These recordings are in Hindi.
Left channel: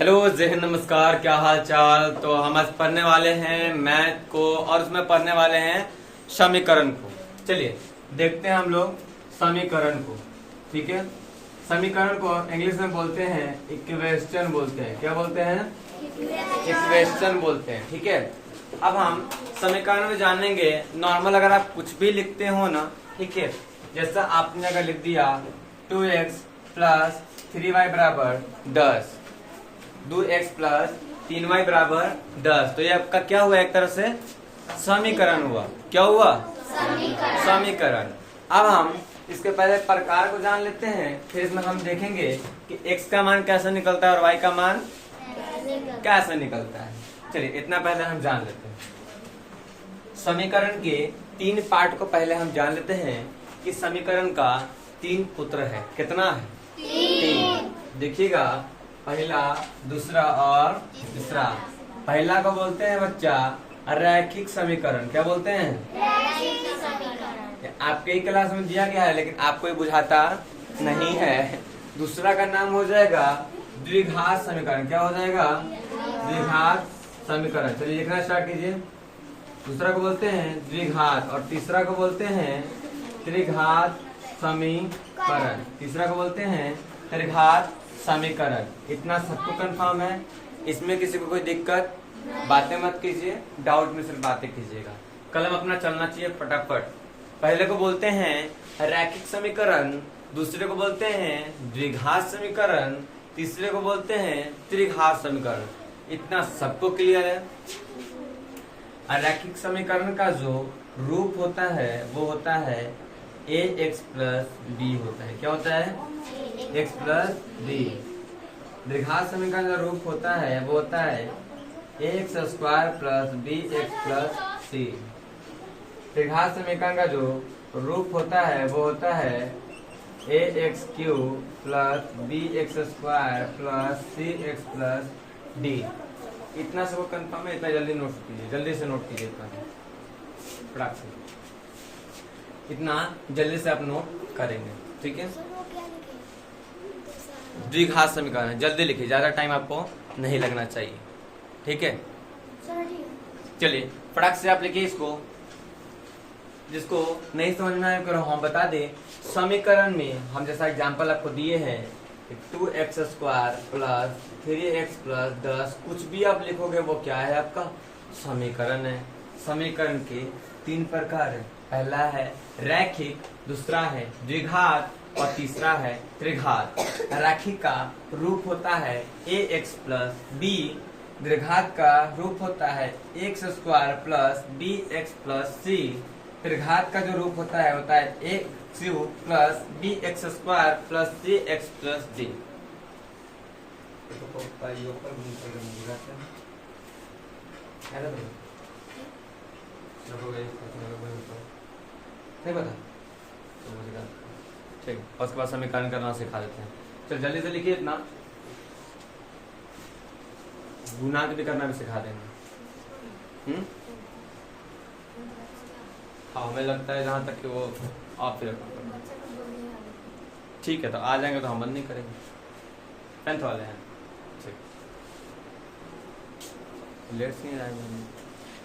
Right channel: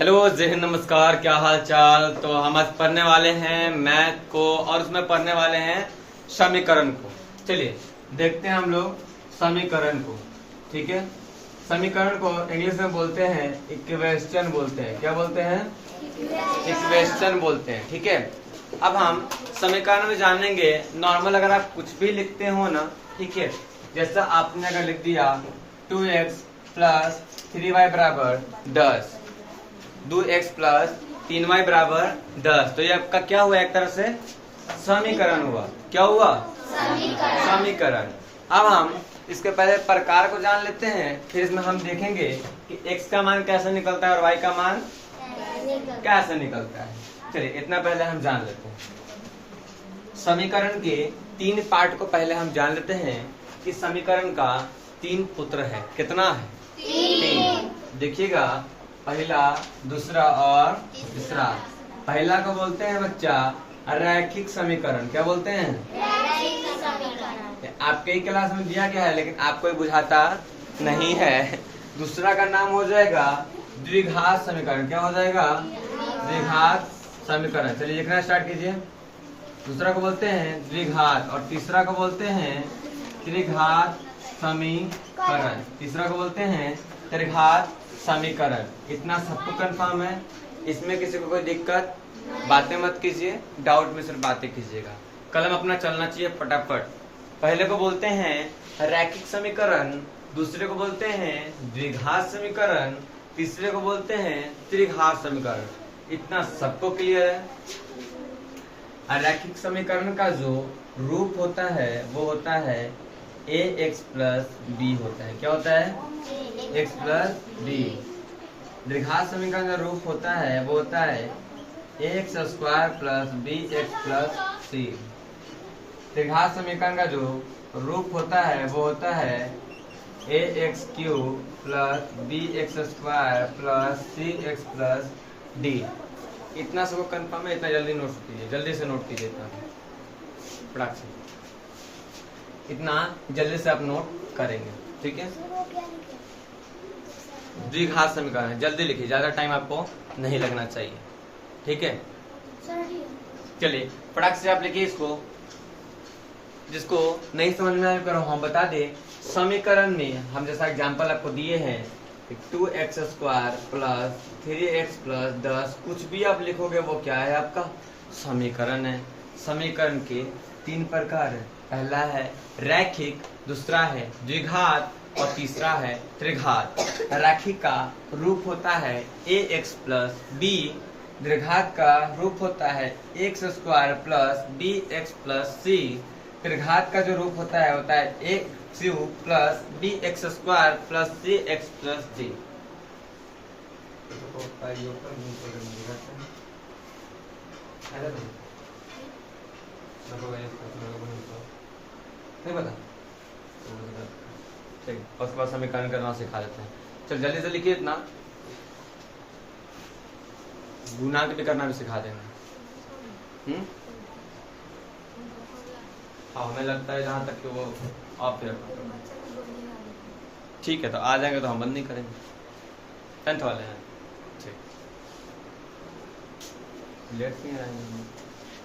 हेलो जय हिंद, नमस्कार, क्या हाल चाल। तो हम आज पढ़ने वाले हैं मैथ को और उसमें पढ़ने वाले हैं समीकरण को। चलिए देखते हैं हम लोग समीकरण को। ठीक है, समीकरण को इंग्लिश में बोलते हैं इक्वेशन बोलते हैं। क्या बोलते हैं? इक्वेशन बोलते हैं। ठीक है, अब हम समीकरण में जानेंगे। नॉर्मल अगर आप कुछ भी लिखते हो ना, ठीक है, जैसा आपने अगर लिख दिया 2x प्लस 3y बराबर 10, 2x प्लस 3y बराबर 10, तो ये आपका क्या हुआ? एक तरह से समीकरण हुआ। क्या हुआ? समीकरण। अब हम इसके पहले प्रकार को जान लेते हैं, फिर इसमें हम देखेंगे कि x का मान कैसे निकलता है और y का मान कैसे निकलता है। चलिए इतना पहले हम जान लेते हैं। समीकरण के 3 पार्ट को पहले हम जान लेते हैं कि समीकरण का 3 पुत्र है। कितना है? 3। देखिएगा, पहला, दूसरा और तीसरा। पहला को बोलते हैं बच्चा रैखिक समीकरण। क्या बोलते हैं? रैखिक समीकरण। आपके ही क्लास में दिया गया है लेकिन आपको बुझाता नहीं है। दूसरा का नाम हो जाएगा द्विघात समीकरण। क्या हो जाएगा? द्विघात समीकरण। चलिए लिखना स्टार्ट कीजिए। दूसरा को बोलते हैं द्विघात और तीसरा को बोलते हैं त्रिघात समीकरण। तीसरा को बोलते हैं त्रिघात समीकरण। इतना सबको कंफर्म है? इसमें किसी को कोई दिक्कत? बातें मत कीजिए, डाउट में सिर्फ बातें कीजिएगा। कलम अपना चलना चाहिए फटाफट। पहले को बोलते हैं रैखिक समीकरण, दूसरे को बोलते हैं द्विघात समीकरण, तीसरे को बोलते हैं त्रिघात समीकरण। इतना सबको क्लियर है? रैखिक समीकरण का जो रूप होता है वो होता है ax प्लस b होता है। क्या होता है? x plus b। द्विघात समीकरण का रूप होता है वो होता है ax square plus bx plus c। त्रिघात समीकरण का जो रूप होता है वो होता है ax cube plus bx square plus cx plus d। इतना सबको कंफर्म है? इतना जल्दी नोट कीजिए, जल्दी से नोट कीजिए। फटाक से इतना जल्दी से आप नोट करेंगे। ठीक है, द्विघात समीकरण जल्दी लिखिए, ज्यादा टाइम आपको नहीं लगना चाहिए। ठीक है, चलिए फटाक से आप लिखिए इसको। जिसको नहीं समझ में आए करो हम बता दे। समीकरण में हम जैसा एग्जांपल आपको दिए हैं 2x square plus 3x plus 10, कुछ भी आप लिखोगे वो क्या है? आपका समीकरण है। समीकरण के 3 प्रकार है। पहला है रैखिक, दूसरा है द्विघात और तीसरा है त्रिघात। रैखिक का रूप होता है ax प्लस b, द्विघात का रूप होता है x square plus bx plus c, त्रिघात का जो रूप होता है a cube plus bx square plus cx plus d। नहीं पता? ठीक, उसके बाद समीकरण करना सिखा देते हैं। चल जल्दी से लिखिए। इतना गुणांक भी करना भी सिखा देंगे। हमें लगता है जहां तक कि वो आप ठीक है, तो आ जाएंगे तो हम बंद नहीं करेंगे। 10th वाले हैं।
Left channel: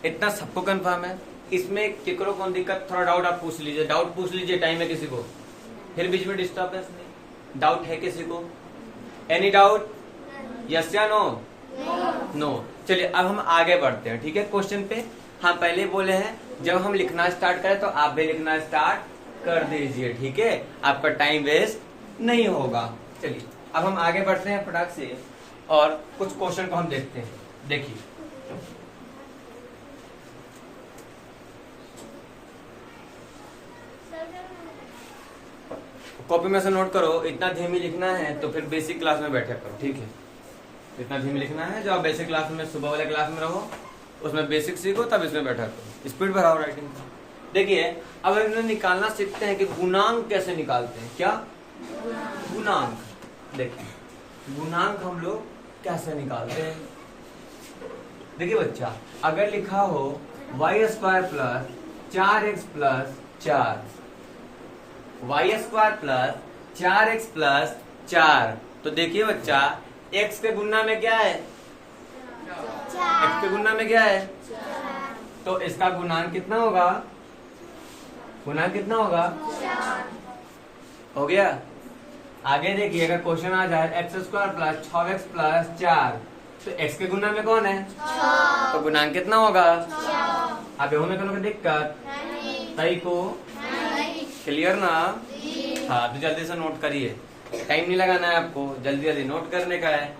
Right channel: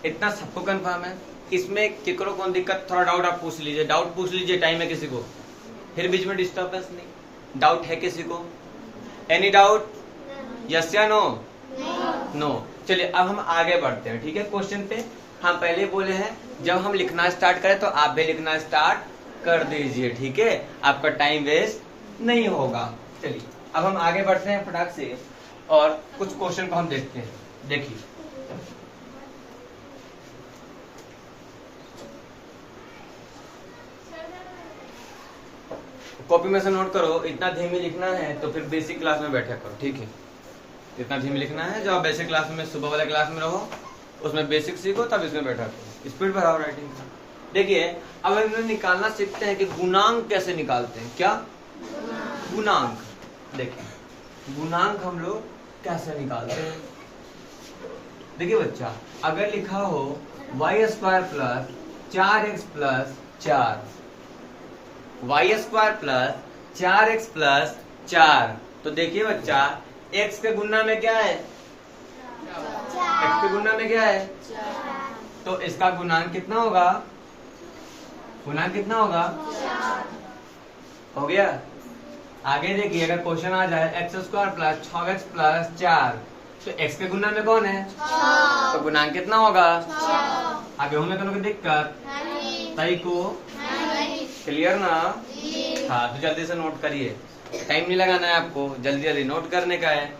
इतना सबको कंफर्म है? इसमें केकरो कौन दिक्कत? थोड़ा डाउट आप पूछ लीजिए, डाउट पूछ लीजिए। टाइम है किसी को? फिर बीच में डिस्टर्बेंस नहीं। डाउट है किसी को? Any doubt? यस या नो? नो। चलिए अब हम आगे बढ़ते हैं। ठीक है, क्वेश्चन पे हम पहले बोले हैं जब हम लिखना स्टार्ट करें तो आप भी लिखना स्टार्ट कर दीजिए। ठीक है, आपका टाइम वेस्ट नहीं होगा। चलिए अब हम आगे बढ़ते हैं फटाक से और कुछ क्वेश्चन को हम देखते हैं। देखिए कॉपी में से नोट करो। इतना धीमी लिखना है तो फिर बेसिक क्लास में बैठा करो। ठीक है, इतना धीमी लिखना है। जब आप बेसिक क्लास में, सुबह वाले क्लास में रहो, उसमें बेसिक सीखो, तब इसमें बैठा करो। स्पीड बढ़ाओ राइटिंग का। देखिए अब हम निकालना सीखते हैं कि गुणांक कैसे निकालते हैं। क्या? गुणांक। देखिए गुणांक हम लोग कैसे निकालते हैं। देखिए बच्चा, अगर लिखा हो y square plus 4x plus 4, y square plus 4x plus 4, तो देखिए बच्चा x के गुणा में क्या है, x के गुणा में क्या है, तो इसका गुणांक कितना होगा, गुणांक कितना होगा, हो गया। आगे देखिए अगर क्वेश्चन आ जाए x square plus 6x plus 4, तो x के गुणा में कौन है, तो गुणांक कितना होगा, आगे होने का दिक्कत तई को, क्लियर ना। हाँ तो जल्दी से नोट करिए, टाइम नहीं लगाना है आपको, जल्दी जल्दी नोट करने का है,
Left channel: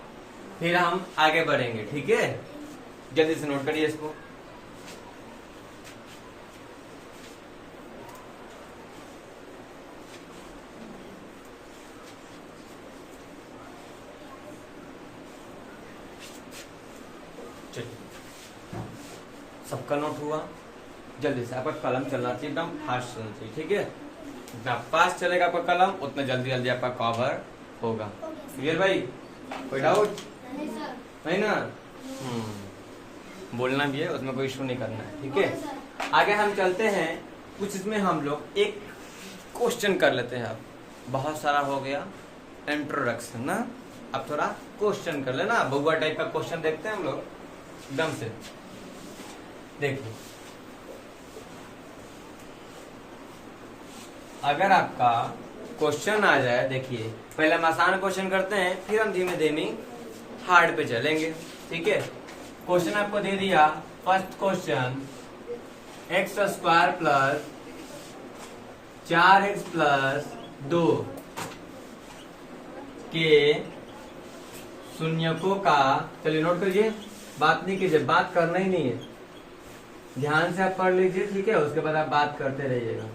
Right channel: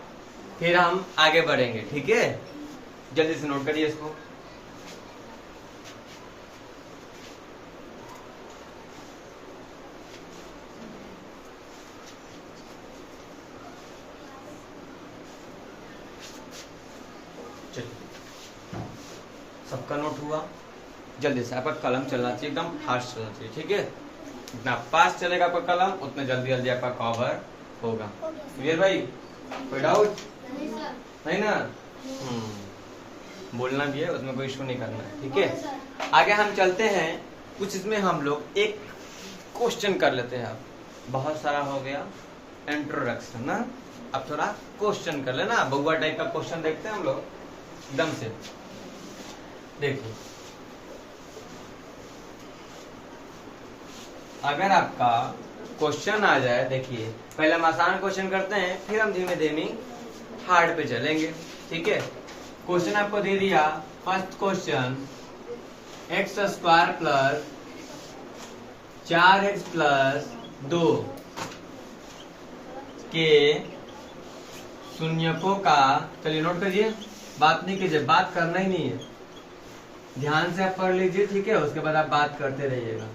फिर हम आगे बढ़ेंगे, ठीक है। जल्दी से नोट करिए इसको। सबका नोट हुआ, जल्दी से आपका कलम चलना चाहिए, एकदम फास्ट चलना चाहिए, ठीक है। जितना फास्ट चलेगा आपका कलम उतना जल्दी जल्दी आपका कवर होगा। क्लियर भाई, कोई डाउट नहीं ना। बोलना भी है, उसमें कोई इशू नहीं करना है, ठीक है। आगे हम चलते हैं, कुछ इसमें हम लोग एक क्वेश्चन कर लेते हैं। आप बहुत सारा हो गया इंट्रोडक्शन ना, अब थोड़ा क्वेश्चन कर लेना, बउआ टाइप का क्वेश्चन देखते हैं हम लोग एकदम से। देखिए अगर आपका क्वेश्चन आ जाए, देखिए पहले हम आसान क्वेश्चन करते हैं, फिर हम धीमे धीमे हार्ड पे चलेंगे, ठीक है। क्वेश्चन आपको दे दिया, first question, x square plus 4x plus 2 के शून्यकों का, चलिए नोट करिए, बात नहीं कीजिए, बात करना ही नहीं है, ध्यान से आप पढ़ लीजिए, ठीक है। उसके बाद आप बात करते रहिएगा।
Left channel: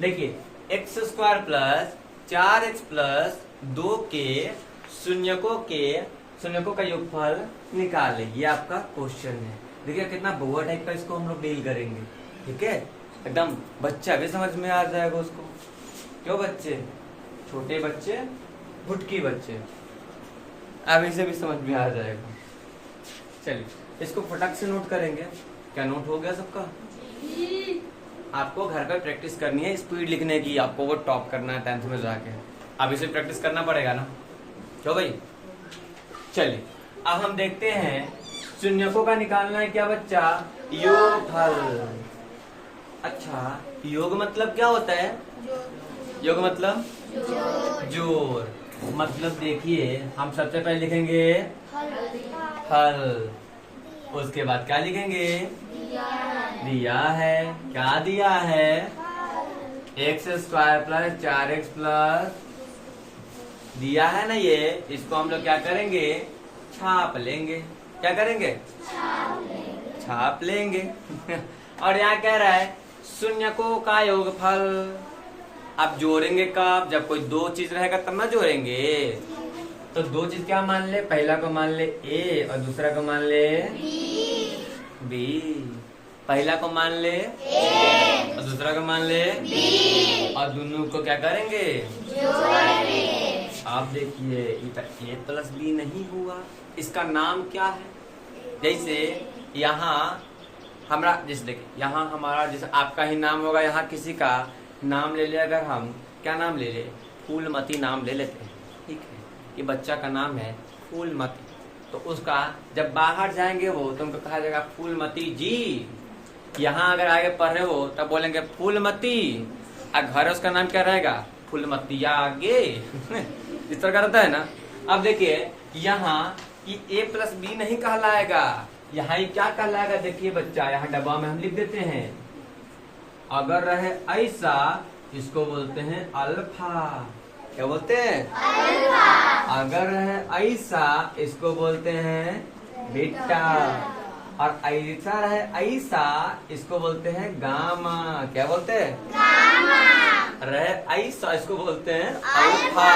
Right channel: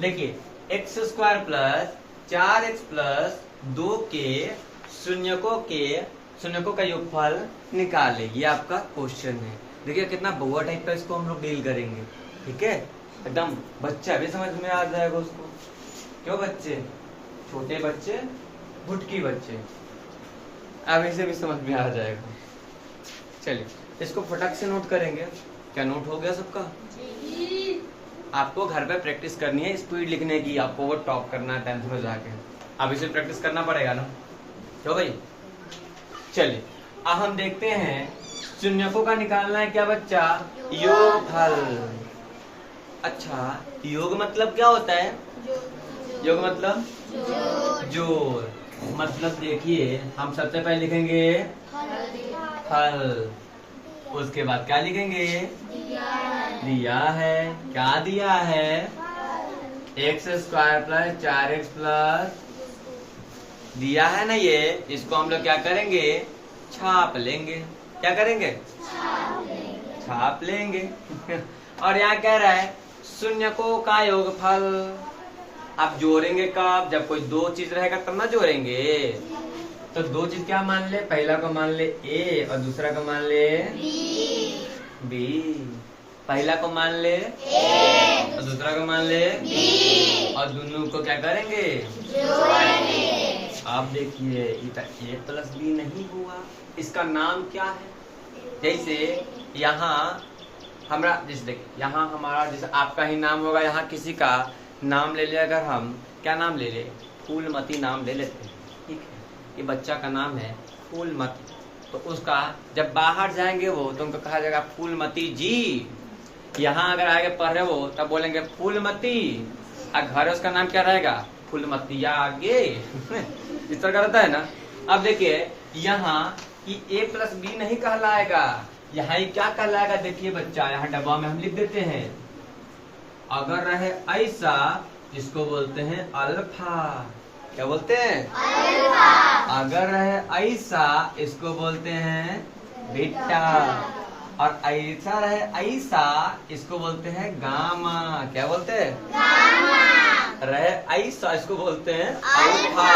देखिए x square plus 4x plus 2 के शून्यकों का योगफल निकाले, ये आपका क्वेश्चन है। देखिए कितना बुआ टाइप का इसको हम लोग डील करेंगे, ठीक है। एकदम बच्चा भी समझ में आ जाएगा उसको, क्यों बच्चे, छोटे बच्चे, भुटकी बच्चे, अब इसे भी समझ में आ जाएगा। चलिए इसको फटाक से नोट करेंगे। क्या नोट हो गया सबका? आपको घर पे प्रैक्टिस करनी है, स्पीड लिखने की, आपको वो टॉप करना है 10th में जाके, अब इसे प्रैक्टिस करना पड़ेगा ना, क्यों भाई। चलिए अब हम देखते हैं, शून्यकों का निकालना है क्या बच्चा, योगफल। अच्छा योग मतलब क्या होता है, योग मतलब जोड़, मतलब देखिए हम सबसे पहले लिखेंगे फल, उसके बाद क्या लिखेंगे, दिया है, क्या दिया है, x square plus 4x plus, दिया है ना ये, इसको हम लोग क्या करेंगे, छाप लेंगे। क्या करेंगे, छाप लेंगे। और यहाँ कह रहा है शून्यकों का योगफल। आप जोड़ेंगे कब, जब कोई दो चीज रहेगा तब ना जोड़ेंगे। तो दो चीज क्या मान ले, पहला को मान ले a और दूसरा को मान ले b। पहला को मान ले a और दूसरा को मान ले b, और दोनों को क्या करेंगे, जोड़ेंगे। आप देखिए a प्लस b नहीं हुआ, इसका नाम क्या है। जैसे यहाँ हमारा, जैसे देखिए यहाँ हमारा, जैसे आपका ही नाम होगा, यहाँ किसी का नाम ले लिया, अगर हम क्या नाम ले ले, फूलमती नाम ले लेते हैं, ठीक है। ये बच्चा का नाम है फूलमती, तो उसका जब बाहर जाएंगे वो, तो उनको कहा जाएगा फूलमती जी। यहाँ अगर आगे पढ़ रहे हो तब बोलेंगे फूलमती, और घर उसका नाम क्या रहेगा, फूलमती आगे। इस तरह रहता है ना। अब देखिए यहाँ कि a प्लस बी नहीं कहलाएगा, यहाँ ये क्या कहलाएगा, देखिए बच्चा यहाँ डब्बा में हम लिख देते हैं, अगर रहे ऐसा इसको बोलते हैं अल्फा। क्या बोलते हैं, अल्फा। अगर रहे ऐसा इसको बोलते हैं बीटा, और ऐसा रहे ऐसा इसको बोलते हैं गामा। क्या बोलते हैं, गामा। रहे ऐसा इसको बोलते हैं अल्फा,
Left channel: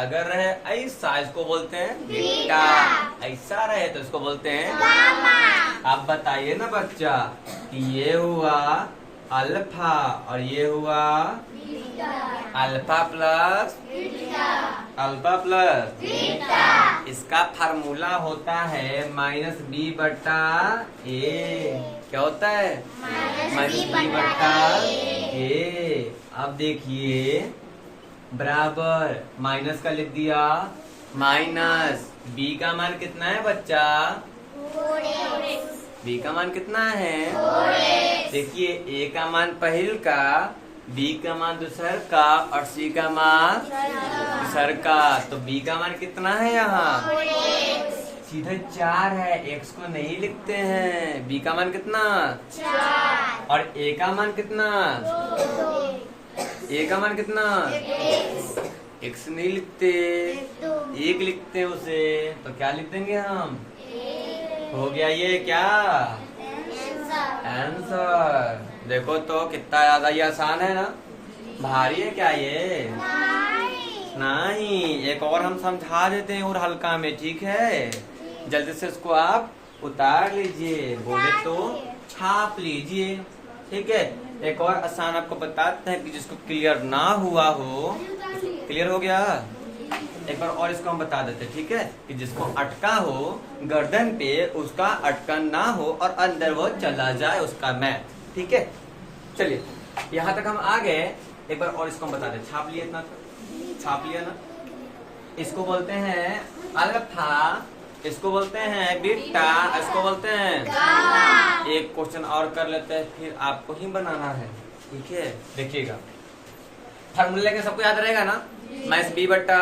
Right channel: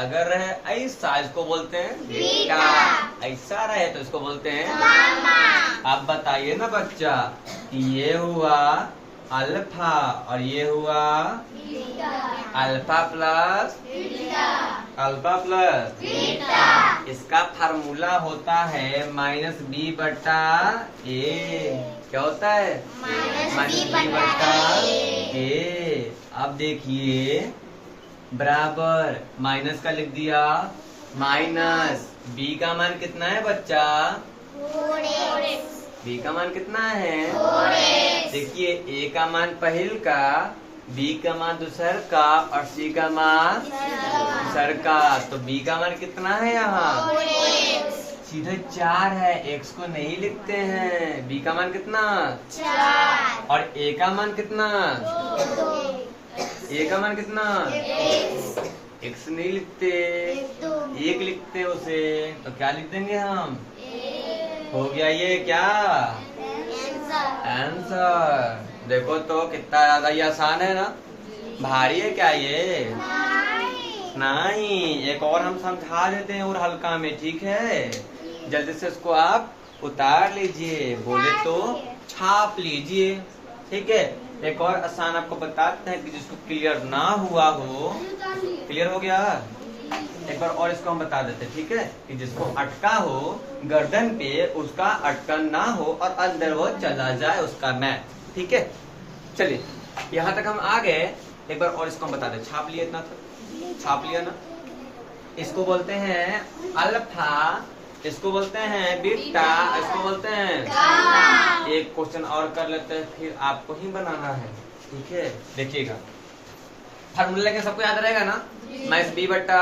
अगर रहे ऐसा इसको बोलते हैं बीटा, ऐसा रहे तो इसको बोलते हैं गामा। आप बताइए ना बच्चा कि ये हुआ अल्फा और ये हुआ beta, alpha plus beta, alpha plus beta. इसका फार्मूला होता है -b बटा a। क्या होता है, -b बटा a। अब देखिए बराबर माइनस का लिख दिया माइनस बी का मान कितना है बच्चा? बी का मान कितना है? देखिए ए का मान पहल का, बी का मान दूसर का और सी का मान तीसर का। तो बी का मान कितना है यहाँ? सीधा 4 है। एक्स को नहीं लिखते हैं। बी का मान कितना? 4। और ए का मान कितना? ए का मान कितना? एक्स नहीं लिखते, 1 लिखते हैं उसे। तो क्या लिख देंगे हम? हो गया ये क्या? आंसर। देखो तो कितना ज्यादा ये आसान है ना? भारी है क्या ये? नहीं, एक और हम समझा देते हैं और हल्का में, ठीक है? जल्दी से इसको आप उतार लीजिए, बोले तो छाप लीजिए, ठीक है? एक और आसान आपको बताते हैं कि जिसको क्लियर ना हुआ हो। क्लियर हो गया? एक बार और इसको हम बता देते, ठीक है? कि जिसको अटका हो गर्दन पे, उसका अटकन ना हो और अंदर वो चला जाए, उसका मैथ, ठीक है? चलिए यहाँ तक हम आ गए। एक बार और इसको हम बता दें। छाप लिया? इतना तो छाप लिया ना? इसको बोलते हैं अल्फा, इसको बोलते हैं बीटा, इसको बोलते हैं गामा। एक क्वेश्चन और कर लेते हैं, फिर आपको ही बनाना है, ठीक है? देखिएगा फार्मूला के सबको याद रहेगा ना? माइनस बी बट्टा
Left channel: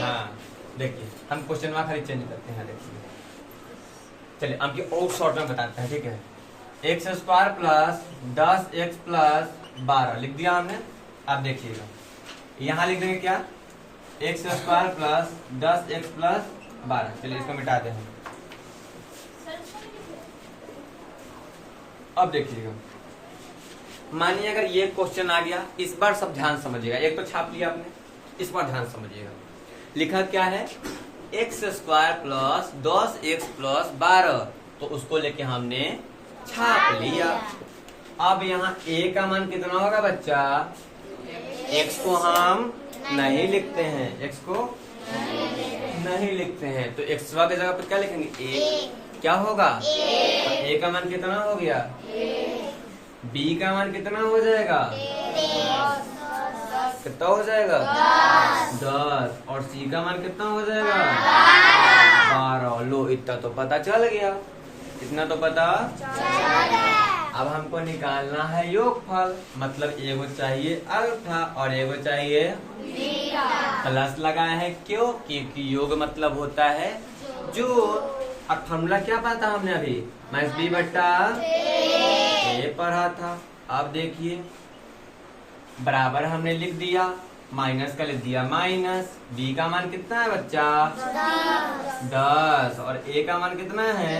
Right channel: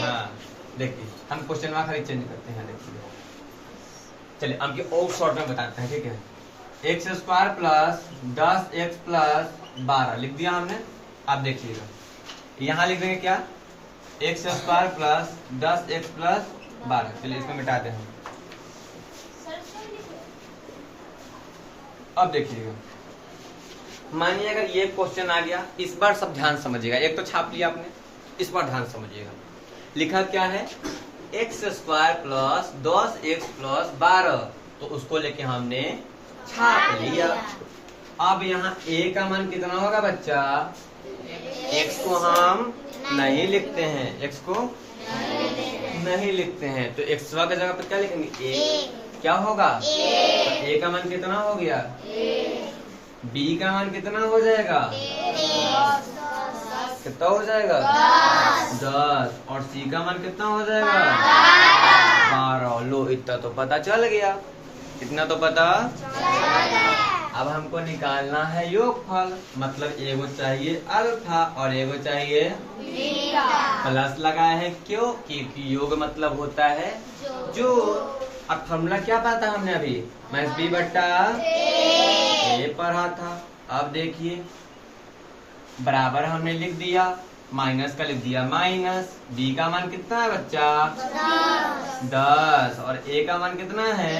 हाँ। देखिए हम क्वेश्चन में खाली चेंज करते हैं। देखिए चलिए आपकी और शॉर्ट में बताते हैं, ठीक है? X square plus 10x plus 12 लिख दिया हमने। आप देखिएगा यहाँ लिख देंगे क्या? X square plus 10x plus 12। चलिए इसको मिटाते हैं। अब देखिएगा, मानिए अगर ये क्वेश्चन आ गया, इस बार सब ध्यान समझिएगा। एक तो छाप लिया आपने, इस बार ध्यान समझिएगा। लिखा क्या है? X square plus 10x plus 12, तो उसको लेके हमने छाप लिया। अब यहाँ a का मान कितना होगा बच्चा? x को हम नहीं लिखते हैं, x को नहीं लिखते हैं, तो x की जगह पर क्या लिखेंगे? a। क्या होगा? a का मान कितना हो गया? b का मान कितना हो जाएगा? कितना हो जाएगा? 10। और c का मान कितना हो जाएगा? 12। लो इतना तो पता चल गया। इतना तो पता अब हमको निकालना है योगफल, मतलब एगो चाहिए अल्फा और एगो चाहिए बीटा। प्लस लगाया है क्यों? क्योंकि योग मतलब होता है जो। अब फॉर्मूला क्या पता हमने अभी? माइनस बी बट्टा ए पढ़ा था। अब देखिए बराबर हमने लिख दिया, माइनस का लिख दिया माइनस। बी का मान कितना है बच्चा? 10। और ए का मान कितना है?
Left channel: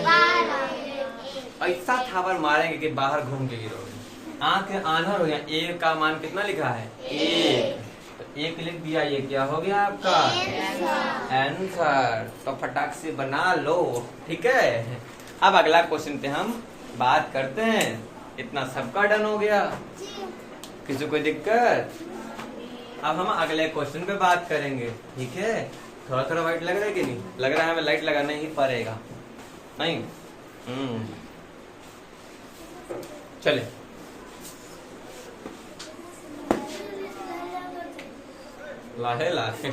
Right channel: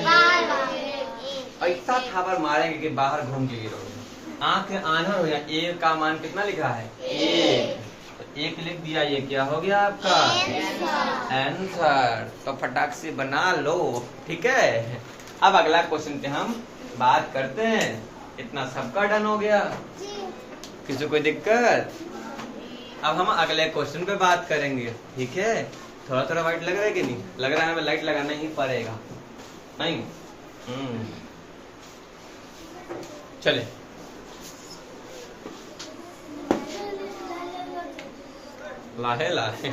ऐसा थापर मारेंगे कि बाहर घूम के गिरोगे, आंख आंधर हो गया। ए का मान कितना लिख रहा है? 1। तो 1 लिख दिया, ये क्या हो गया आपका? आंसर। तो फटाक से बना लो, ठीक है? अब अगला क्वेश्चन पे हम बात करते हैं। इतना सबका डन हो गया? किसी कोई दिक्कत? अब हम अगले क्वेश्चन पे बात करेंगे, ठीक है? थोड़ा थोड़ा वाइट लग रहा है कि नहीं लग रहा है? हमें लाइट लगाना ही पड़ेगा, नहीं? चले लाहे लाहे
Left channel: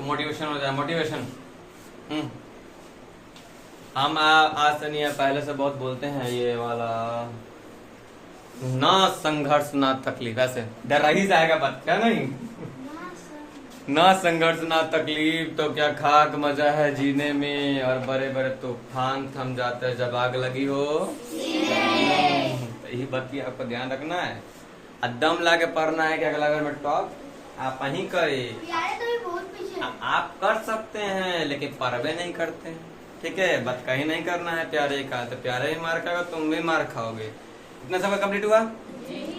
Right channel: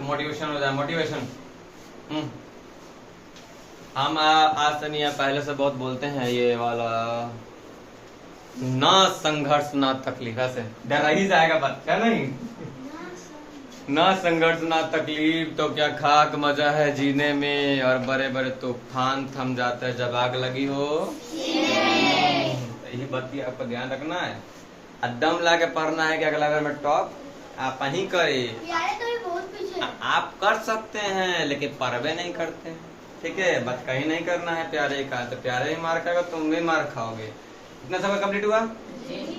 मोटिवेशन हो जाए, मोटिवेशन। हम आज से नहीं, पहले से बहुत बोलते हैं ये वाला, ना संघर्ष ना तकलीफ। ऐसे डर ही जाएगा बात क्या? नहीं, ना संघर्ष ना तकलीफ तो क्या खाक मजा है जीने में, और बड़े बड़े तूफान थम जाते हैं जब आग लगी हो। यही बात की आपको ध्यान रखना है। दम ला के पढ़ना है कि अगला घर में टॉप आप ही करे। आप कर सकते हैं लेकिन परवे नहीं करते, ठीक है? बात कहीं नहीं करना है प्यारे का, तो प्यारे ही मार खाओगे, तुम भी मार खाओगे। इतना सब कंप्लीट हुआ?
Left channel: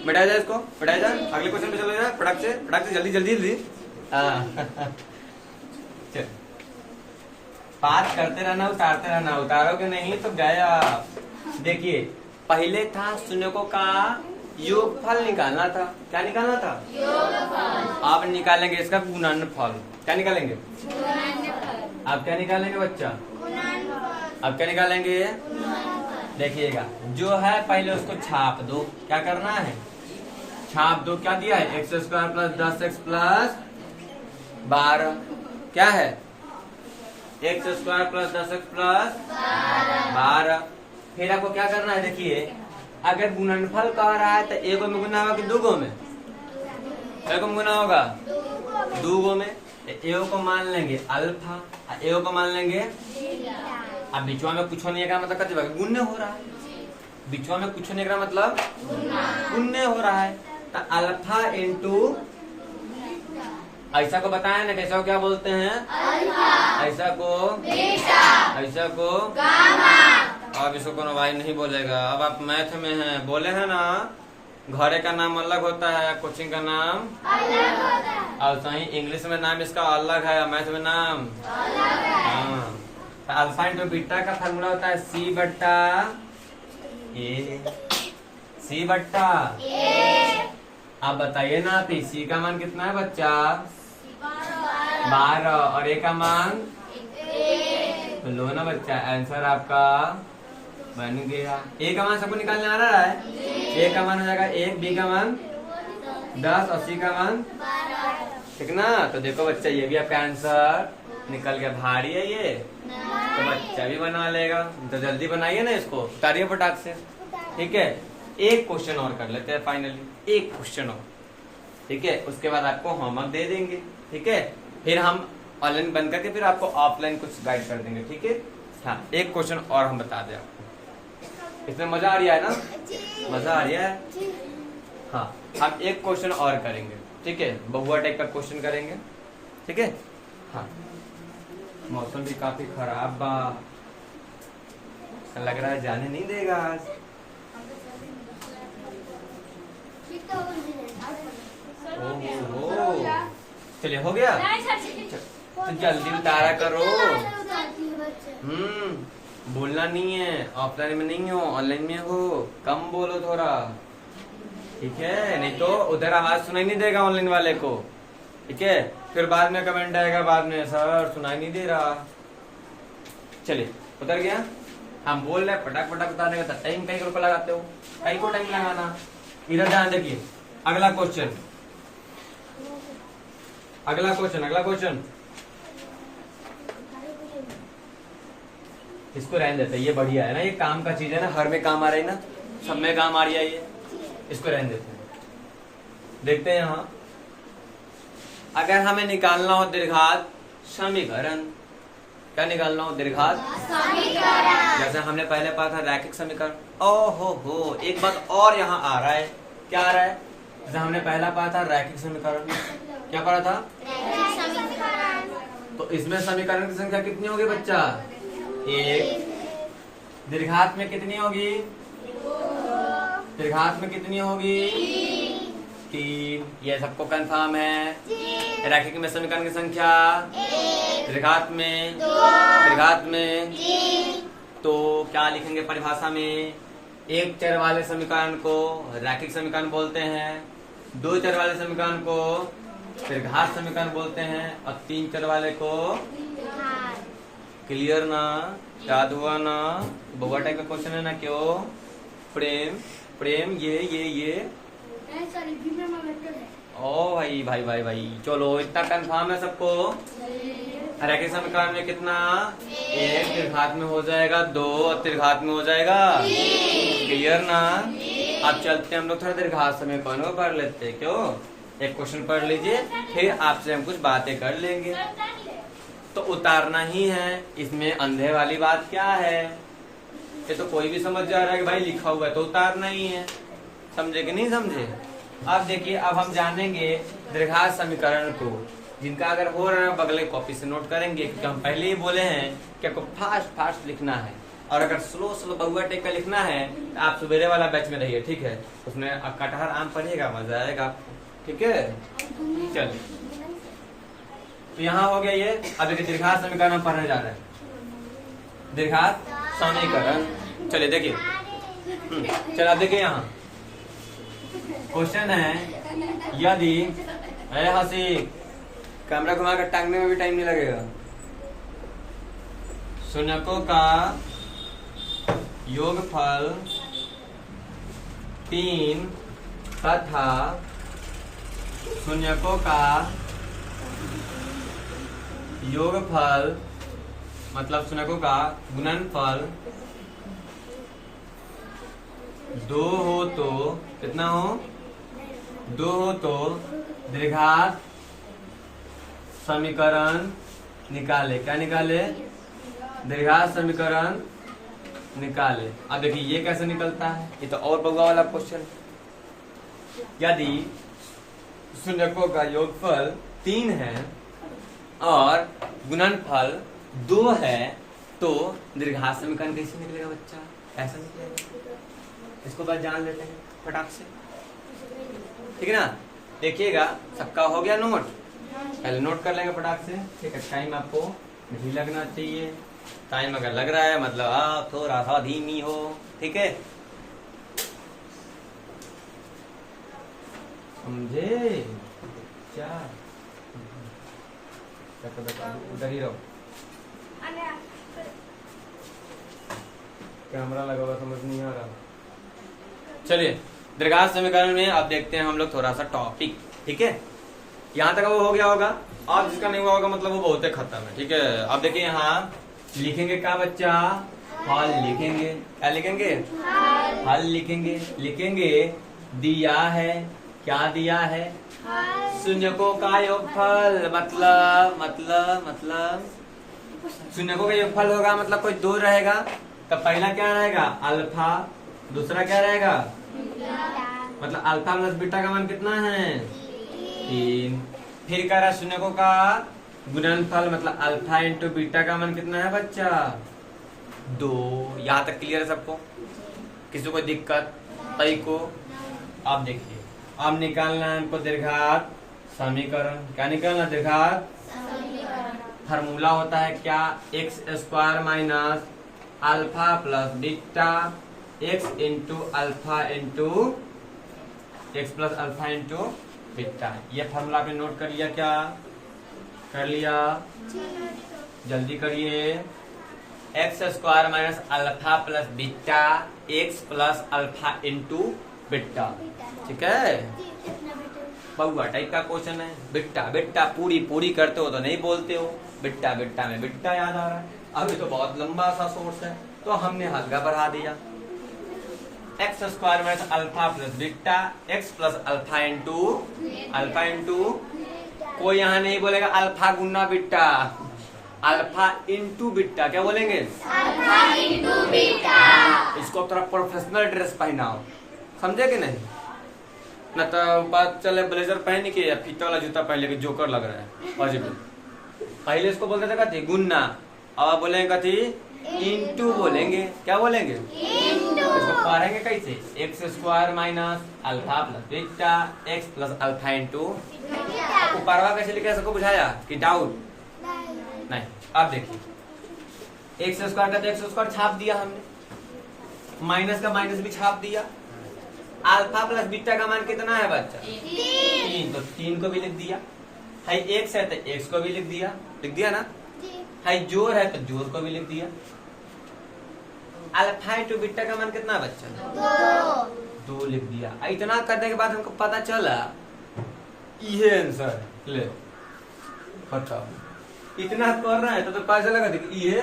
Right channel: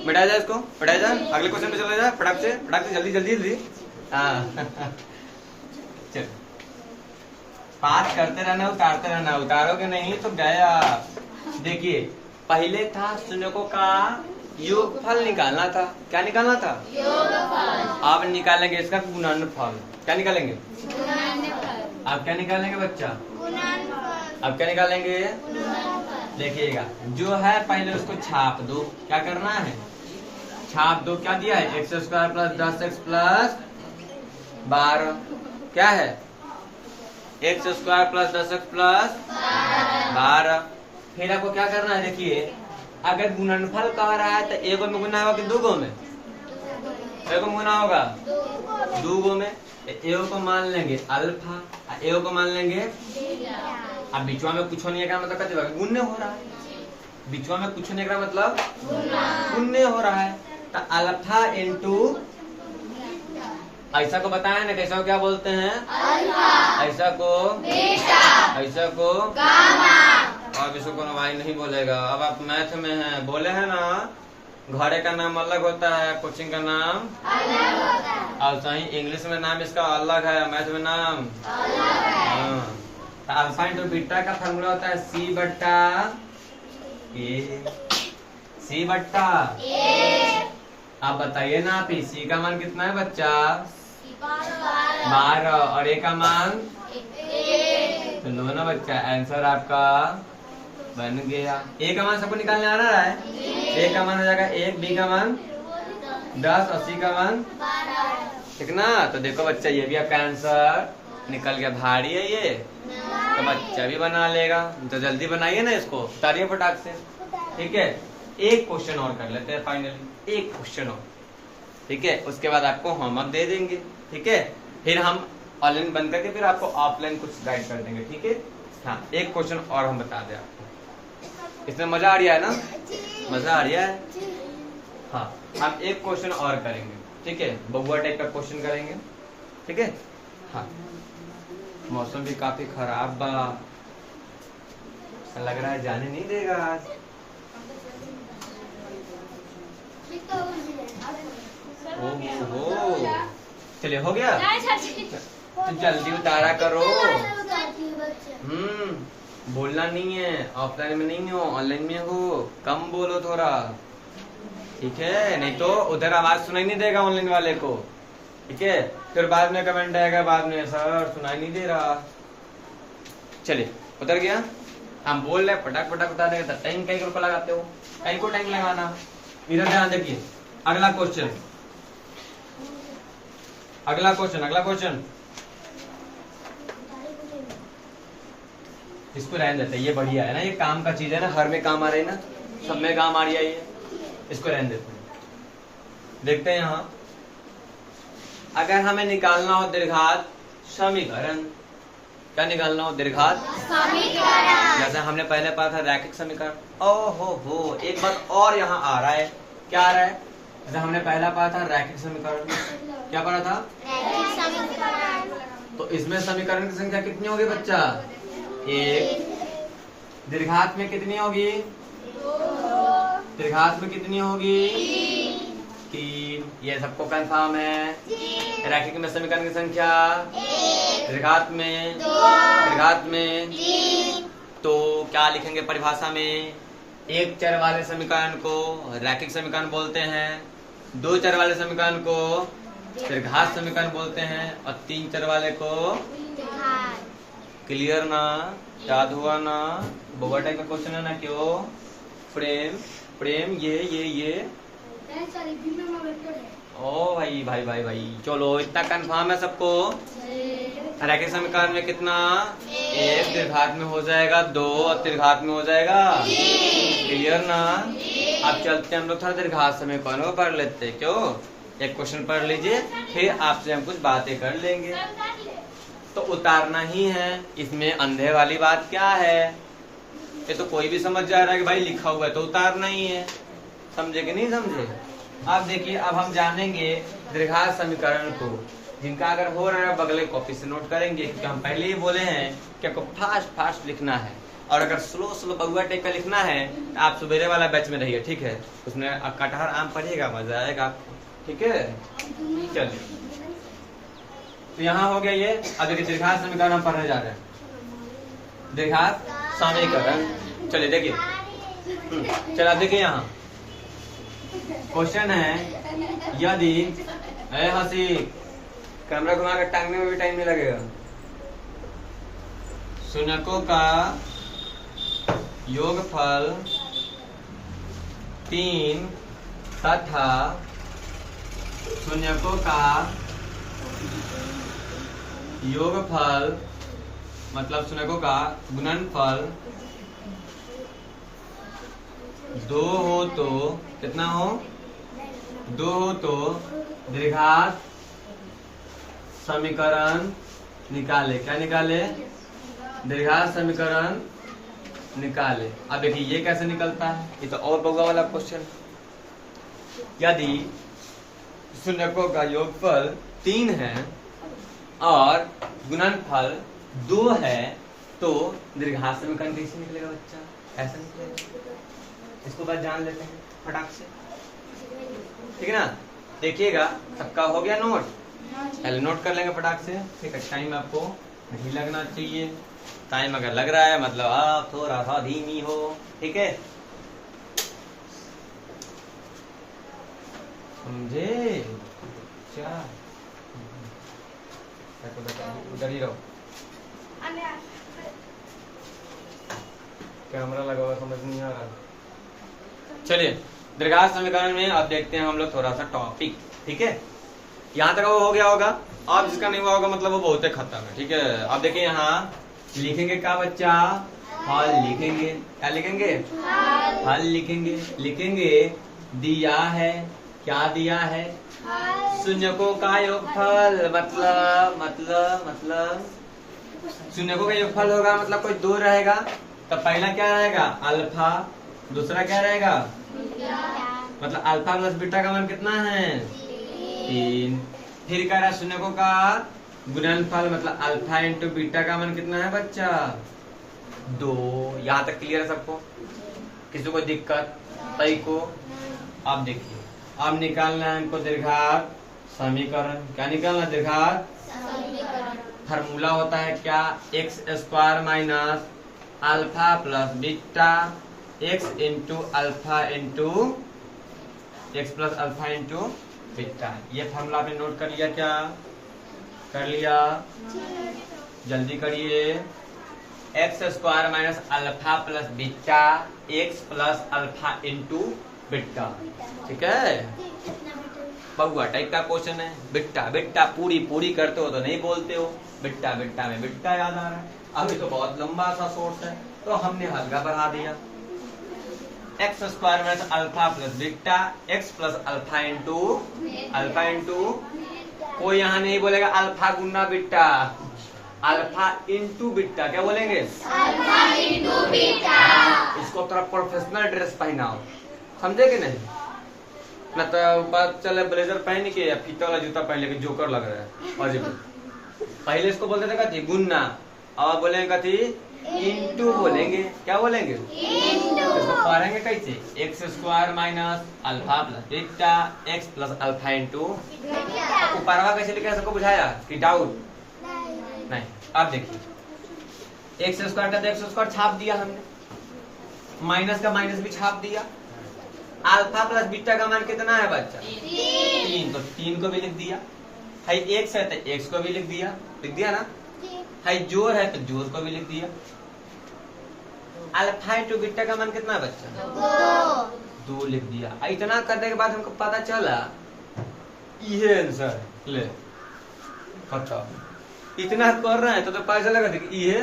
बैठा जाए इसको, बैठा जाए, अगले क्वेश्चन पे चला जाए। फटाक से जल्दी जल्दी जल्दी। चल बात करते रहना, उतारते रहना। उतारोगे नहीं तो गया। देखिए पहले था शून्यकों का योगफल निकालना था। क्या निकालना था? योगफल। आप निकालेंगे इसका गुणनफल। क्या निकालेंगे? आप क्या निकालेंगे बच्चा? आप क्या निकालेंगे? देखिएगा जो है पहले उसको छाप दो। क्या करना है? छाप दो, क्या दिया है, x square plus 10x plus 12 क्या है, x square plus 10x plus 12। फिर आपको क्या करना है, देखिए अगर गुणनफल कह रहा है तो एगो में गुना होगा कि दो गो में, एगो में गुना होगा दो गो में। एगो को मान लेंगे अल्फा, एगो को मान लेंगे, अब बीचवा में कुछ नहीं है मतलब कहते गुण्य हो रहा है, बीचवा में कुछ नहीं का मतलब गुण्य हो रहा है। तो अल्फा इंटू ऐसा को बताया ना, कैसा को क्या बोलते हैं, ऐसा को बीटा, ऐसा को गामा। अब इसको कोनो भाई नहीं बोलेगा, अब आप मैथ में हैं, बोले हैं ना घरे का नाम अलग होता है, कोचिंग का नाम अलग होता है, और सही इंग्लिश में नाम इसका अलग है, मैथ में नाम अलग है। तो अल्फा इंटू बीटा का फॉर्मूला होता है सी बट्टा ए, सी बट्टा ए। आप बताइए ना, पी सी का मान कितना है बच्चा, 12 और ए का मान 1। तो लो ना बच्चा, आंसर आपका बन गया। ए का मान सबको निकालने आ रहा है, ए का मान हो जाएगा 1, बी का मान 10 और सी का मान 12, ठीक ना। तो देखो बच्चा ये भी आपका आंसर निकल गया। भारी है ये, तो बच्चा भी बना लेगा, तो जल्दी बनाइए ना इसको, उतारिए फटाक से, ठीक है। एक क्वेश्चन और कर लेते हैं फाइनली, एक क्वेश्चन और, ठीक है, उसके बाद आपको होमवर्क दे देंगे, ठीक है। फिर हम ऑनलाइन बंद करके फिर आपको ऑफलाइन कुछ गाइड कर देंगे, ठीक है। हाँ, एक क्वेश्चन और हम बता दें आपको, इसमें मजा आ रहा है ना, मजा आ रहा है। हाँ, हम एक क्वेश्चन और करेंगे, ठीक है, बहुआ टाइप का क्वेश्चन करेंगे, ठीक है। हाँ, मौसम भी काफी खराब बा, लग रहा है जाने नहीं देगा आज। ओहो, चलिए हो गया, तो जल्दी उतारा करो। बोलना नहीं है, ऑफलाइन में नहीं हो, ऑनलाइन में हो, कम बोलो थोड़ा, ठीक है, नहीं तो उधर आवाज सुनाई नहीं देगा ऑनलाइन वाले को, ठीक है। फिर बाद में कमेंट आएगा बाद में, सर सुनाई नहीं दे रहा। चलिए उतर गया, हम बोल रहे पटाख पटाख बता देंगे, टाइम कई रुपए लगाते हो, कई को टाइम लगाना। इधर ध्यान देखिए, अगला क्वेश्चन, अगला क्वेश्चन, अगला क्वेश्चन, इसको रहने देते हैं, ये बढ़िया है ना, ये काम का चीज है ना, हर में काम आ रही है ना, सब में काम आ रही है ये, इसको रहने देते हैं। देखते हैं यहाँ, अगर हमें निकालना हो दीर्घात समीकरण, क्या निकालना हो, दीर्घात समीकरण, जैसा हमने पहले पढ़ा था रैखिक समीकरण। ओहो हो, एक बात और यहाँ आ रहा है, क्या आ रहा है, जैसा हमने पहला पढ़ा था रैखिक समीकरण, क्या पढ़ा था, रैखिक समीकरण। तो इसमें समीकरण की संख्या कितनी होगी बच्चा, 1। दीर्घात में कितनी होगी, दीर्घात में कितनी होगी, 3। ये सबको कंफर्म है। रैखिक में समीकरण की संख्या, दीर्घात में 2, दीर्घात में 3। तो क्या लिखेंगे परिभाषा में, एक चर वाले समीकरण को रैखिक समीकरण बोलते हैं, 2 चर वाले समीकरण को दीर्घात समीकरण बोलते हैं, और 3 चर वाले को। क्लियर ना, याद हुआ ना, बहुआ टाइप का क्वेश्चन है ना, क्यों प्रेम, प्रेम ये ओ भाई भाई भाई भाई, चलो इतना कंफर्म है सबको। रैखिक समीकरण में कितना, 1, दीर्घात में हो जाएगा 2 और दीर्घात में हो जाएगा। क्लियर ना। अब चलते हम लोग थोड़ा दीर्घात समीकरण को पढ़ लेते हैं, क्यों, एक क्वेश्चन पढ़ लीजिए, फिर आपसे हम कुछ बातें कर लेंगे। तो उतारना ही है, इसमें अंधे वाली बात क्या है, ये तो कोई भी समझ जा रहा है कि भाई लिखा हुआ है तो उतारना ही है, समझे कि नहीं समझे। अब देखिए, अब हम जानेंगे दीर्घात समीकरण को, जिनका अगर हो रहा है बगले कॉपी से नोट करेंगे, क्योंकि हम पहले ही बोले हैं कि आपको फास्ट फास्ट लिखना है, और अगर स्लो स्लो बहुआ टाइप का लिखना है तो आप सवेरे वाला बैच में रहिए, ठीक है, उसमें कटहर आम पढ़िएगा, मजा आएगा आपको, ठीक है। चलिए, तो यहाँ हो गया ये। अब देखिए दीर्घात समीकरण हम पढ़ने जा रहे हैं, दीर्घात समीकरण। चलिए देखिए, चलो आप देखिए, यहाँ क्वेश्चन है, यदि हंसी, कैमरा घुमा कर टांगने में भी टाइम नहीं लगेगा, शून्यकों का योगफल 3 तथा शून्यकों का योगफल मतलब शून्यकों का गुणनफल 2 हो तो कितना हो? 2 हो तो द्विघात समीकरण निकाले। क्या निकाले? द्विघात समीकरण निकाले। अब देखिए ये कैसे निकलता है, ये तो और बउआ वाला क्वेश्चन। यदि शून्यकों का योगफल 3 है और गुणनफल 2 है तो द्विघात समीकरण कैसे निकलेगा बच्चा? ऐसे निकलेगा। इसको बस जान लेते हैं फटाक से, ठीक है ना। देखिएगा सबका हो गया नोट, पहले नोट कर लेंगे फटाक से, ठीक है। टाइम आपको नहीं लगना चाहिए, टाइम अगर लग रहा है मतलब आप थोड़ा सा धीमी हो, ठीक है, समझे? उधर ही रहो, कैमरा लगा हुआ समझ नहीं आ रहा। चलिए द्विघात समीकरण में अब देखते हैं हम लोग थोड़ा सा टॉपिक, ठीक है। यहाँ तक वो हो गया होगा, और जिसका नहीं हुआ होगा मतलब वो बहुत खत्म है, ठीक है। अब देखिए यहाँ लिखेंगे क्या बच्चा? हल लिखेंगे। क्या लिखेंगे? हल लिखेंगे। लिखेंगे दिया है, क्या दिया है? शून्यकों का योगफल मतलब शून्यकों का योगफल होगा मतलब कोई 2 रहेगा तो पहला क्या रहेगा? अल्फा, दूसरा क्या रहेगा? मतलब अल्फा प्लस बीटा का मान कितना है? 3। फिर कह रहा शून्यकों का गुणनफल मतलब अल्फा इंटू बीटा का मान कितना है बच्चा? 2। यहाँ तक क्लियर है सबको? किसी को दिक्कत? कई को? अब देखिए अब निकालना है इनको द्विघात समीकरण। क्या निकालना? द्विघात समीकरण। फार्मूला होता है क्या? X square minus alpha plus beta x into alpha into x plus alpha into beta. ये फार्मूला आपने नोट कर लिया? क्या कर लिया? जल्दी करिए। X square minus alpha plus beta x plus alpha into beta, ठीक है। बउआ टाइप का क्वेश्चन है। बिट्टा बिट्टा पूरी करते हो तो नहीं बोलते हो, बिट्टा बिट्टा में बिट्टा याद आ रहा है। अभी तो बहुत लंबा सा सोर्स है तो हमने हल्का बढ़ा दिया। X square minus alpha plus beta x plus alpha into कोई यहाँ नहीं बोलेगा अल्फा गुना बीटा, अल्फा इंटू बीटा। क्या बोलेंगे? Alpha into beta. इसको थोड़ा प्रोफेशनल ड्रेस पहनाओ, समझे कि नहीं? न तो बात चले ब्लेजर पहन के या फीते वाला जूता पहन के जोकर लग रहा है अजब। पहले इसको बोलते थे कथी? गुन्ना, और बोलेंगे कथी? इंटू बोलेंगे। क्या बोलेंगे? इंटू। इसको पढ़ेंगे कैसे? X square minus alpha plus beta x plus alpha into. ऊपरवा कैसे लिखे सबको बुझाया कि डाउट? नहीं। अब देखिए एक्स स्क्वायर का तो एक्स स्क्वायर छाप दिया हमने, माइनस का माइनस भी छाप दिया। अल्फा प्लस बीटा का मान कितना है बच्चा? 3। तो 3 को भी लिख दिया। है एक्स है तो एक्स को भी लिख दिया ना। है जोड़ है तो जोड़ को भी लिख दिया। अल्फा इंटू बीटा का मान कितना है बच्चा? 2 लिख दिया। इतना करने के बाद हमको पता चला ये आंसर। ले बताओ, इतना कर रहा है तो पता चलेगा ये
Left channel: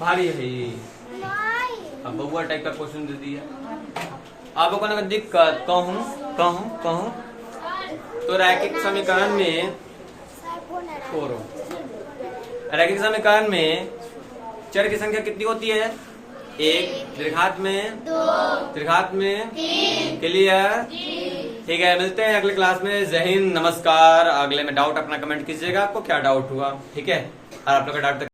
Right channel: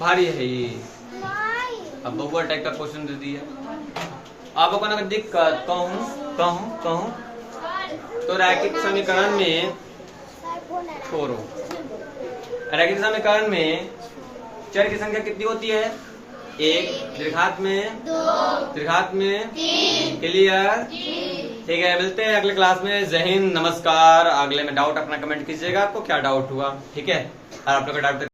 भारी है ये। अब बउआ टाइप का क्वेश्चन दे दिया। आपको अगर दिक्कत कहूं तो रैखिक समीकरण में छोड़ो। रैखिक समीकरण में चर की संख्या कितनी होती है? 1, द्विघात में 2, द्विघात में 3। क्लियर? ठीक है, मिलते हैं अगले क्लास में। जय हिंद, नमस्कार। अगले में डाउट अपना कमेंट कीजिएगा, आपको क्या डाउट हुआ, ठीक है। और आप लोग का डाउट